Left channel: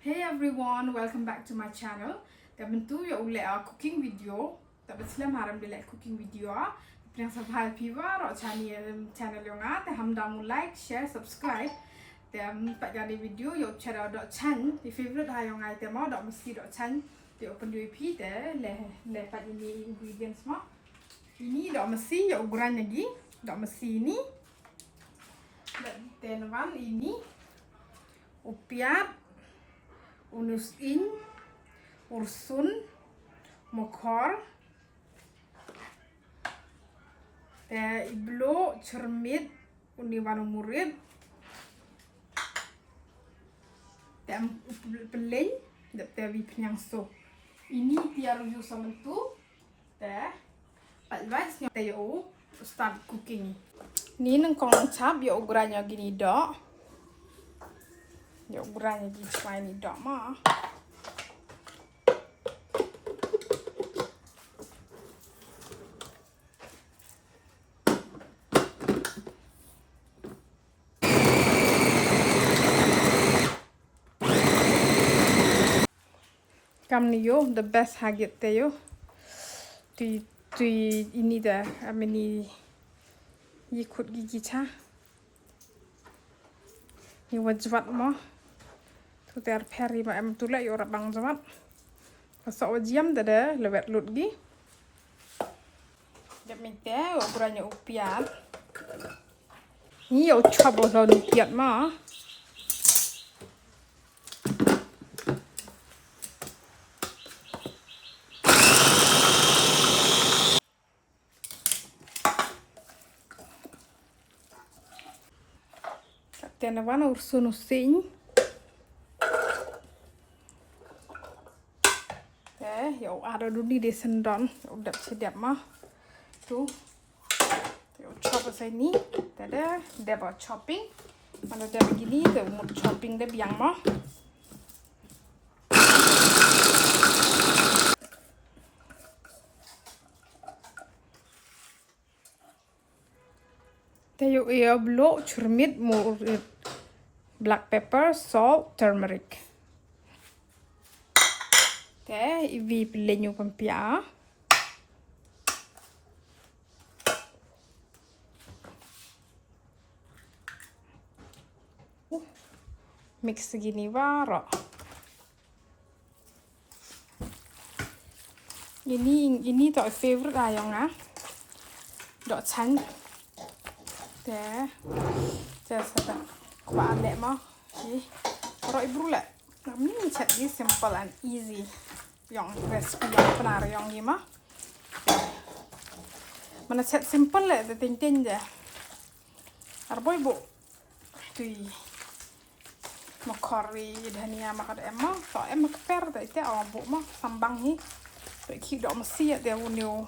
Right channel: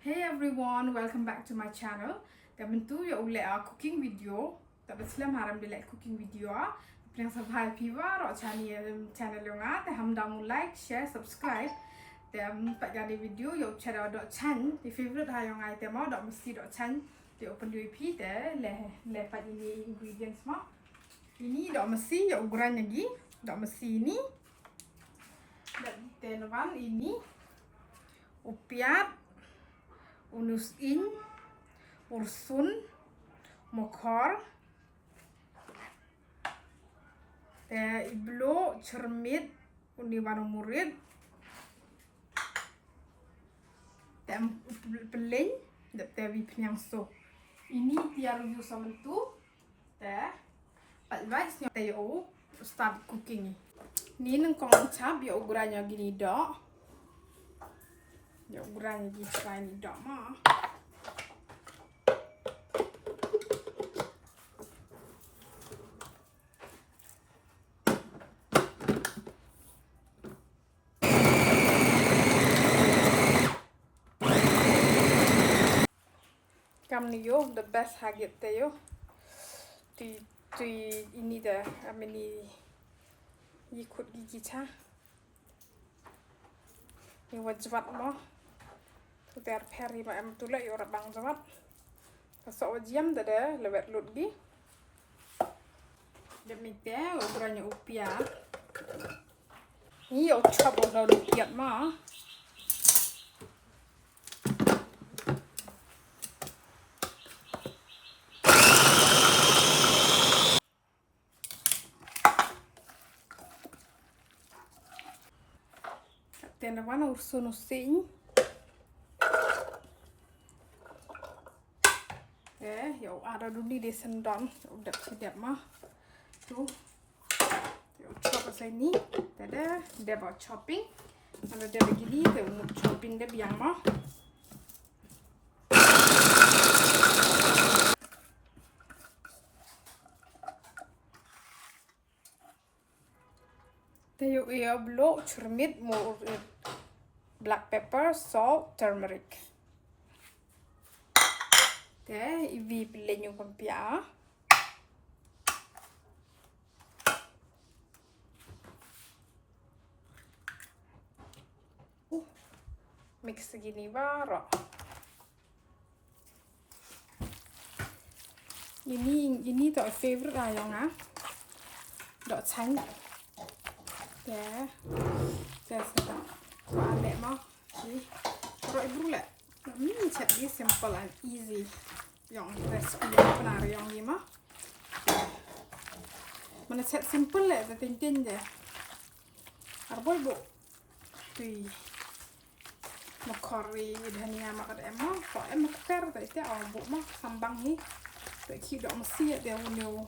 Hey everyone, welcome back to my channel. Tentu ya ule cooking video. Tapi selam haram dia cooking video Yang sabhai piwa ro channel yang te hamdam like, share, subscribe. Tem pak gani video yo channel Dohshaiñ. Di favorite ha yang ai te mau mesti Dohshaiñ. Di open UP te le pak ini ingredients mo. Ini mesti yo ukuran lagi. Mesti ini. Dan ini upiat unusin, ursun, mokor, iblo, cermit, uniwano murid, peleng, vi penyangso. Ini tiar yu sama tu, palwais nyo tayo start cooking. Ini nang kong cap yo ukurannya gini dok. Ya ukurannya gitu ini dok mah. Kami yo the best hagit tayo. Tu ini dah ameni ikut gigi cha. Ni wajbat mah. Tu ter peri ma em tu la yo rabang jawat. Pasok wajiam tada lewat lut gi. Dak mete ukurannya upiat. Ni yo coba lo upiat ma. Tenawan ursun usin. Ya ada dulu di sendon, udah siap mah. Tuh, chop ke sini, ada buat chopping. Mana dia begini, dia mau chopping dia biang mah. Dia blo, cermit, murid, black pepper, salt, turmeric. Vi pelenyo pempia. Mix segini baru. Ini tak favorite ayang Dohshaiñ. Saya kuat lek mah. Kalau ibu lek, ini jadi simple and easy. Yang recipe yang benar yang ni mah. Mana set simple lek, tintin je. Arboy bu, tui, makori, dhania makan emma. So emma keper, tapi awak bu mah sambang ni. Tapi kita mesti ada unyu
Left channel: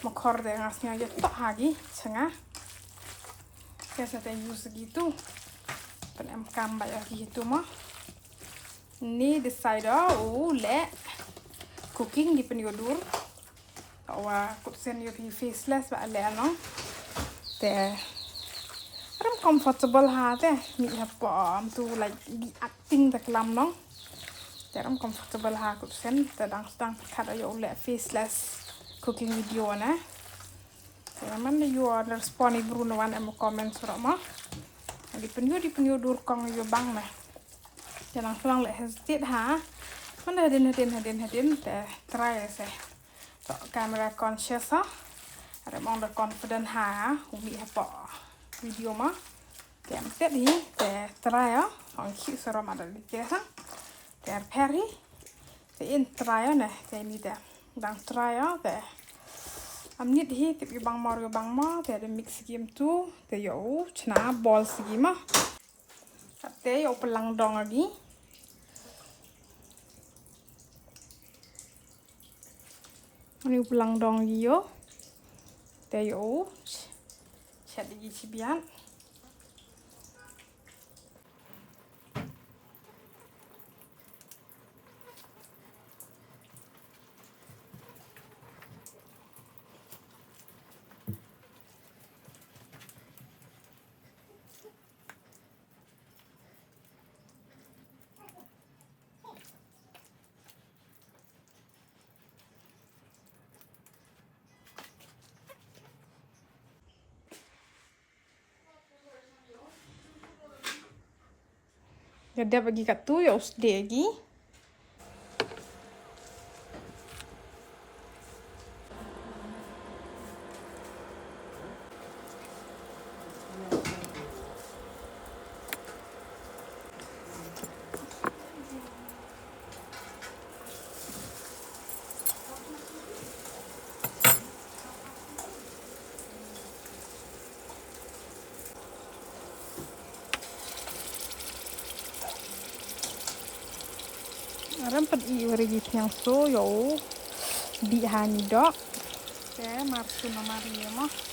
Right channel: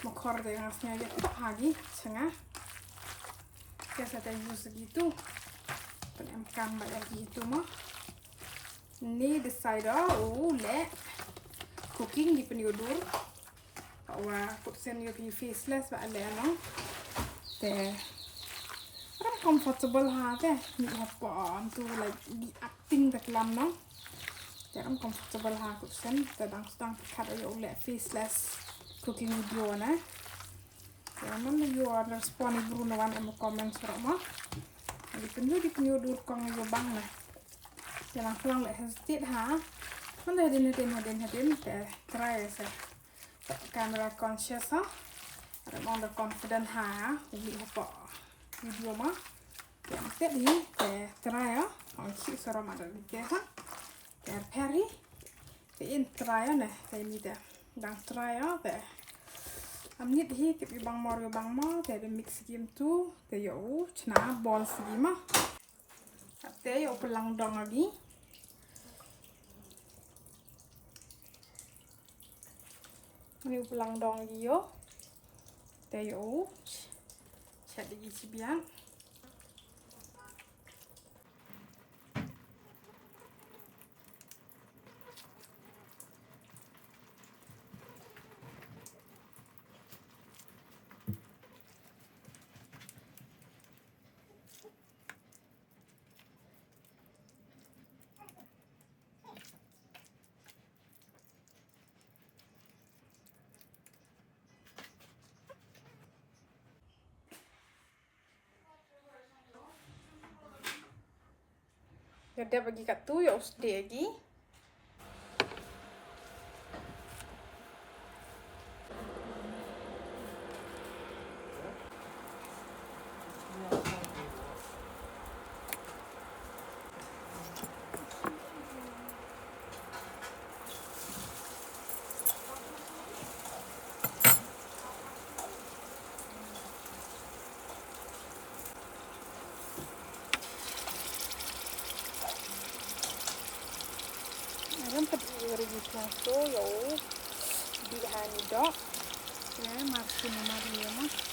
makor deh ngasnya aja tak lagi, setengah. Saya use segitu. Pen em kambat lagi itu mah. Ini decide le cooking di penyodur. Bahwa kutsen yo faceless ba le ano. Te ram comfortable ha te ni apa tu like di acting tak lam no. Te ram comfortable ha kutsen te dang kat yo le faceless cooking video na. Te man yo respond Bruno wan em comment surah mah. Di penyodur kong yo bang na. Jangan pulang lek hesitate ha. Mana hadin try saya. Kamera conscious ha. Ada mau confident ha. Umi apa video mah. Kayak ni try ya. Ang cute seram ada di ha. Kayak peri. In try ya kayak ni dah. Dan try ya amnit hi tip bang ma ada mix game tu. Yo cina ball segi mah. Kate yo pelang dong lagi. Ini pelang dong yo. Tayo. Shet lagi cibian. Ada bagi kat tu, ya sedih lagi. Aram padi warigitnya so yo di handok. Okay, marsu nomor 5.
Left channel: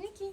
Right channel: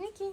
Niki.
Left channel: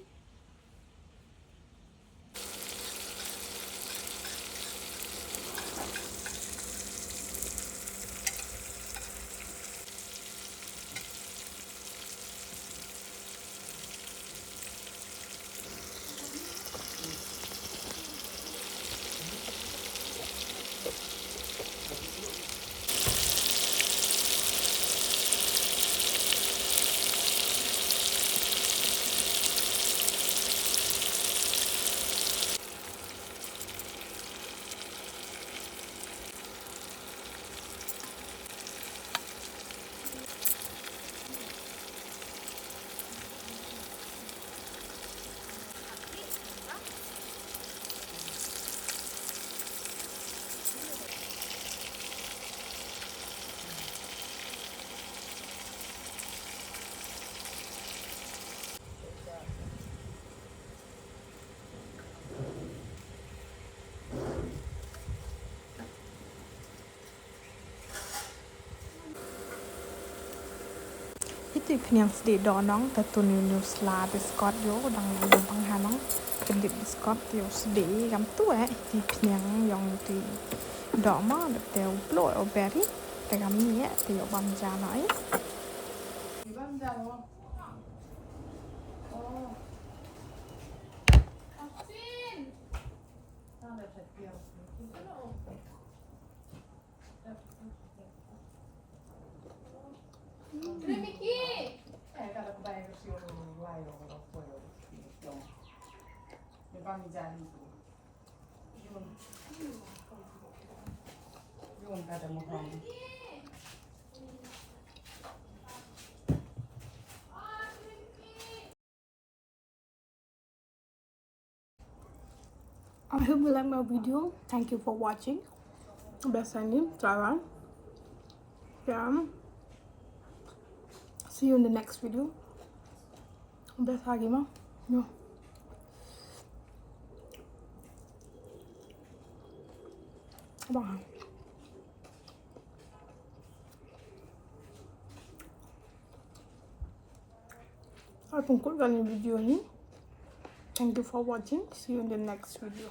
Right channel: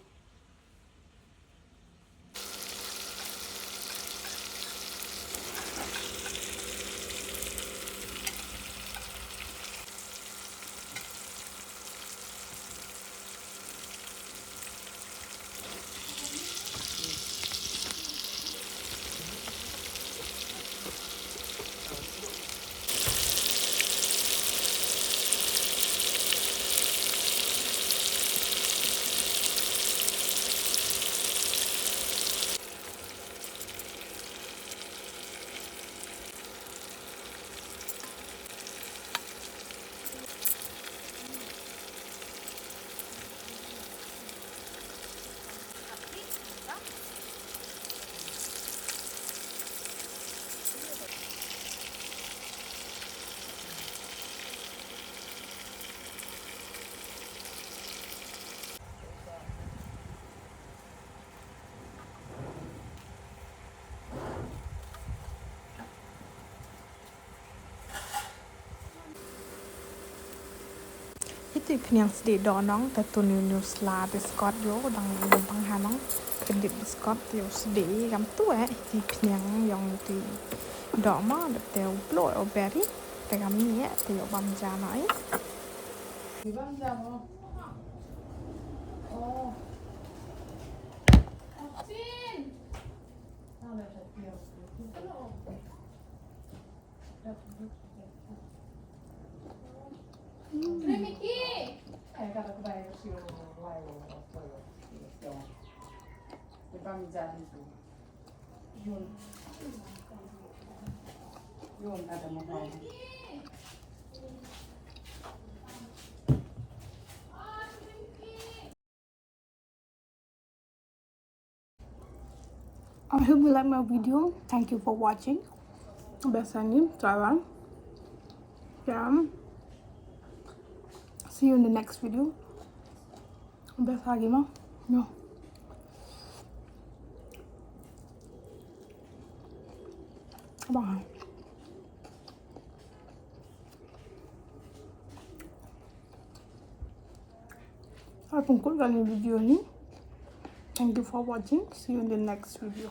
Itu yang sedih donong tentu new sla biskot yo dang yung panghanong kedip biskot yo sedih kam tu di yang tu dok ma de teo plo o beri te kam ni te yo bam ja noi bam ja mo oh asin ana te teo Miki. Agora que vai vestir o laio ou foi então. E vamos já isso. Yun ada mo pa. I hope you like my video. Thank you for watching. Biasanya jangan. See you in the next video. Best lagi mah. No. Bye. Saya pungkul kali video ini. Thank you for watching. See you in the next video.